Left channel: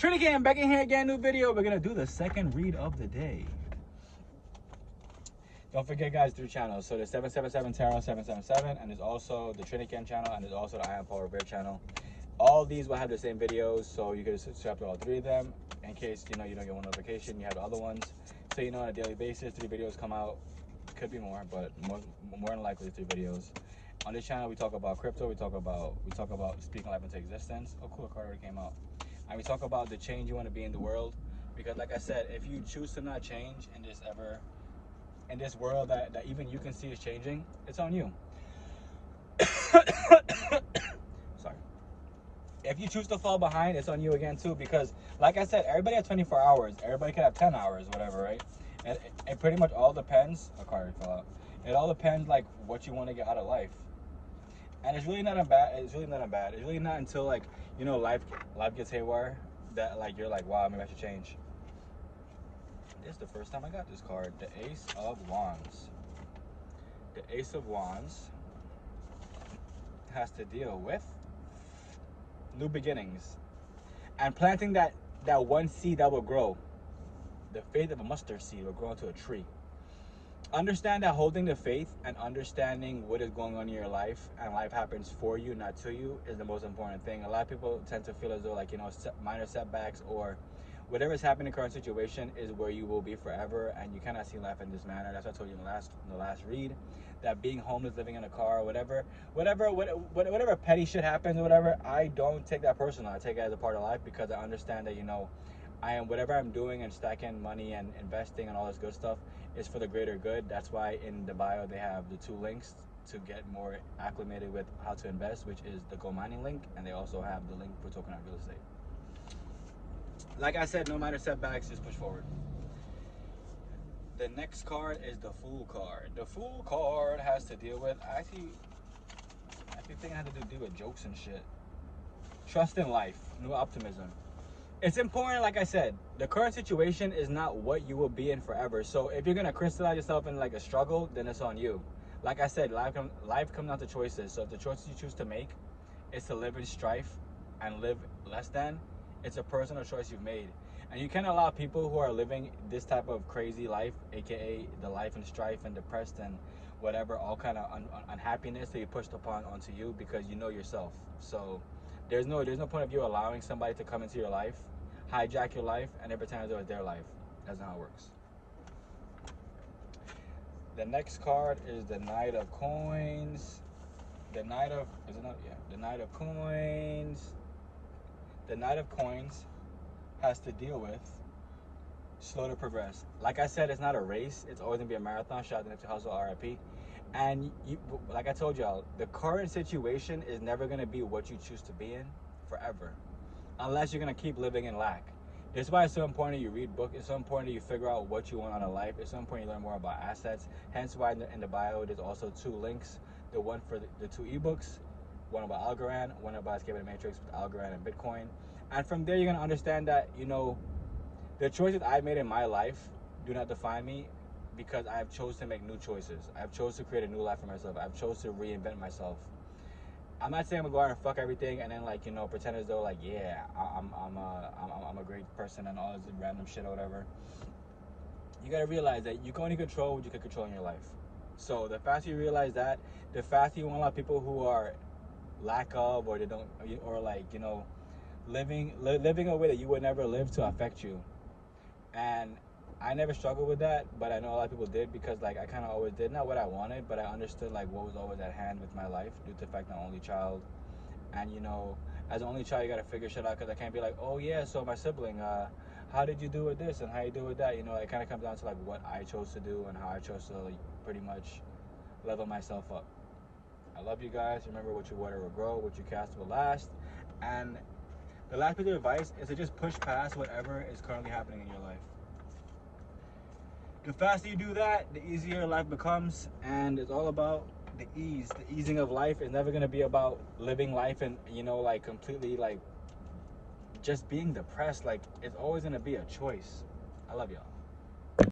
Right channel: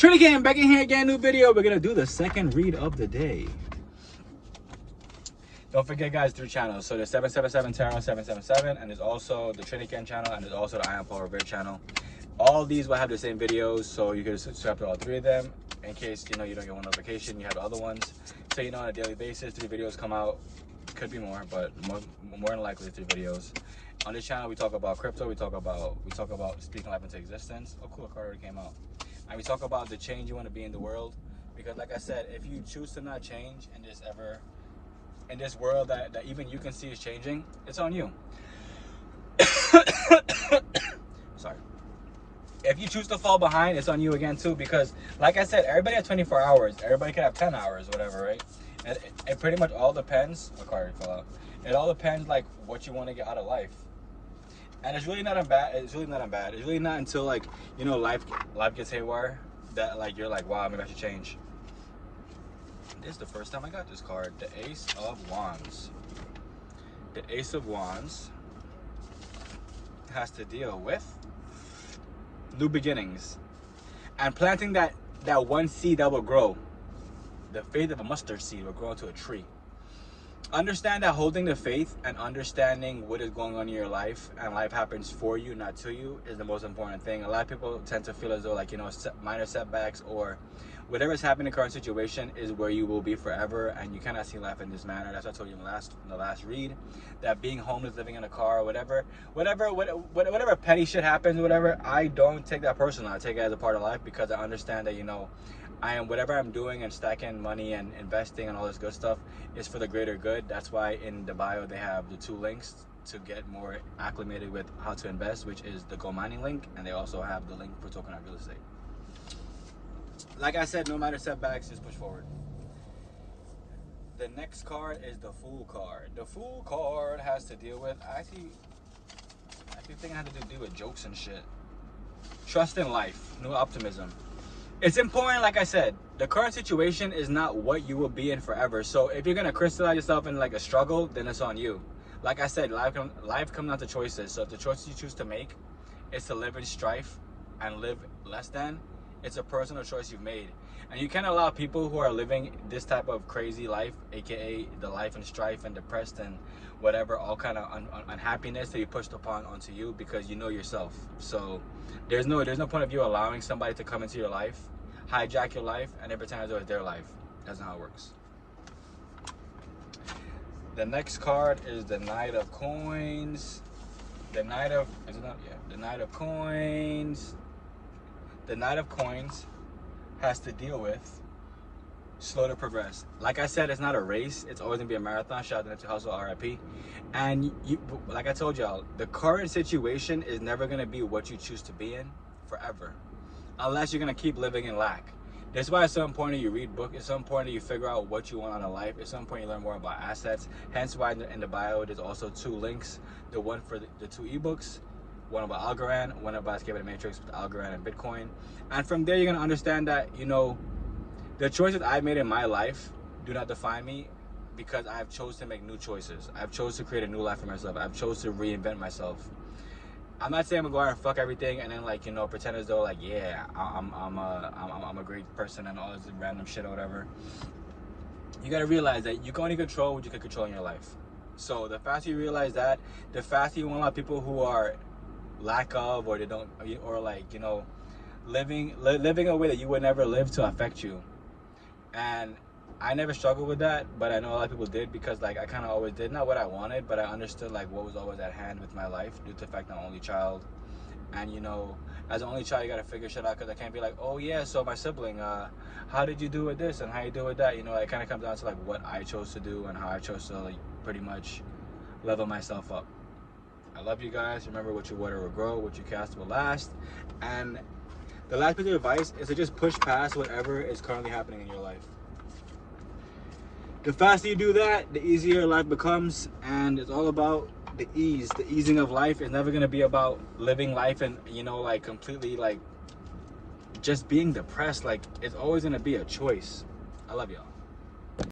Trinity Gang back in here again, new video. We're gonna do the second read of the day. Don't forget, guys, 3 channels. So there's 777 Tarot 777, and there's also the Trinity Gang channel, and there's also the I Am Paul Revere channel. All these will have the same videos, so you can subscribe to all 3 of them. In case you don't get one notification, you have the other ones. So on a daily basis, 3 videos come out. Could be more, but more than likely 3 videos. On this channel, we talk about crypto. We talk about speaking life into existence. Oh, cool! A card already came out. And we talk about the change you want to be in the world, because like I said, if you choose to not change in this world that even you can see is changing, it's on you. Sorry. If you choose to fall behind, it's on you again too, because like I said, everybody has 24 hours. Everybody can have 10 hours, whatever, right? And it pretty much all depends. The card fell out. It all depends like what you want to get out of life. And it's really not bad. It's really not bad. It's really not until like life gets haywire that like you're like, wow, maybe I should change. This is the first time I got this card, the Ace of Wands. The Ace of Wands has to deal with new beginnings and planting that one seed that will grow. The faith of a mustard seed will grow into a tree. Understand that holding the faith and understanding what is going on in your life, and life happens for you, not to you, is the most important thing. A lot of people tend to feel as though like minor setbacks or whatever is happening in the current situation is where you will be forever, and you cannot see life in this manner. That's what I told you in the last read, that being homeless, living in a car, whatever petty shit happens, whatever, I don't take that personal. I take it as a part of life, because I understand that whatever I'm doing and stacking money and investing and all this good stuff is for the greater good. That's why in the bio they have the 2 links to get more acclimated with how to invest, which is the GOMINING link, and they also have the link for tokenized real estate. Like I said, no matter setbacks, just push forward. The next card is the Fool card. The Fool card has to deal with, I think it has to do with jokes and shit. Trust in life, new optimism. It's important, like I said, the current situation is not what you will be in forever. So if you're gonna crystallize yourself in like a struggle, then it's on you. Like I said, life comes down to choices. So if the choices you choose to make is to live in strife and live less than, it's a personal choice you've made. And you can't allow people who are living this type of crazy life, aka the life in strife and depressed and whatever, all kind of unhappiness, to be pushed upon onto you, because you know yourself. So there's no point of you allowing somebody to come into your life, hijack your life, and then pretend as though it's their life. That's not how it works. The next card is the Knight of Coins. The Knight of Coins. The Knight of Coins has to deal with slow to progress. Like I said, it's not a race. It's always gonna be a marathon. Shout out to Hustle, RIP. And like I told y'all, the current situation is never gonna be what you choose to be in forever, unless you're gonna keep living in lack. That's why it's so important that you read books. It's so important that you figure out what you want out of life. It's so important you learn more about assets. Hence why in the bio there's also 2 links. The one for the 2 ebooks. One about Algorand, one about escaping the matrix with Algorand and Bitcoin. And from there, you're gonna understand that, the choices I made in my life do not define me, because I've chosen to make new choices. I've chosen to create a new life for myself. I've chosen to reinvent myself. I'm not saying I'm gonna go out and fuck everything and then pretend as though yeah, I'm a great person and all this random shit or whatever. You gotta realize that you can only control what you can control in your life. So the faster you realize that, the faster you won't allow people who are lack of, or they don't, or living a way that you would never live to affect you. And I never struggled with that, but I know a lot of people did, because I kind of always did not what I wanted, but I understood what was always at hand with my life, due to the fact I'm an only child. And as an only child, you gotta figure shit out, because I can't be like, oh yeah, so my sibling, how did you do with this and how you do with that? It kind of comes down to what I chose to do and how I chose to pretty much level myself up. I love you guys. Remember, what you water will grow, what you cast will last. And the last piece of advice is to just push past whatever is currently happening in your life. The faster you do that, the easier life becomes, and it's all about the ease. The easing of life is never going to be about living life and, completely, just being depressed. It's always going to be a choice. I love y'all.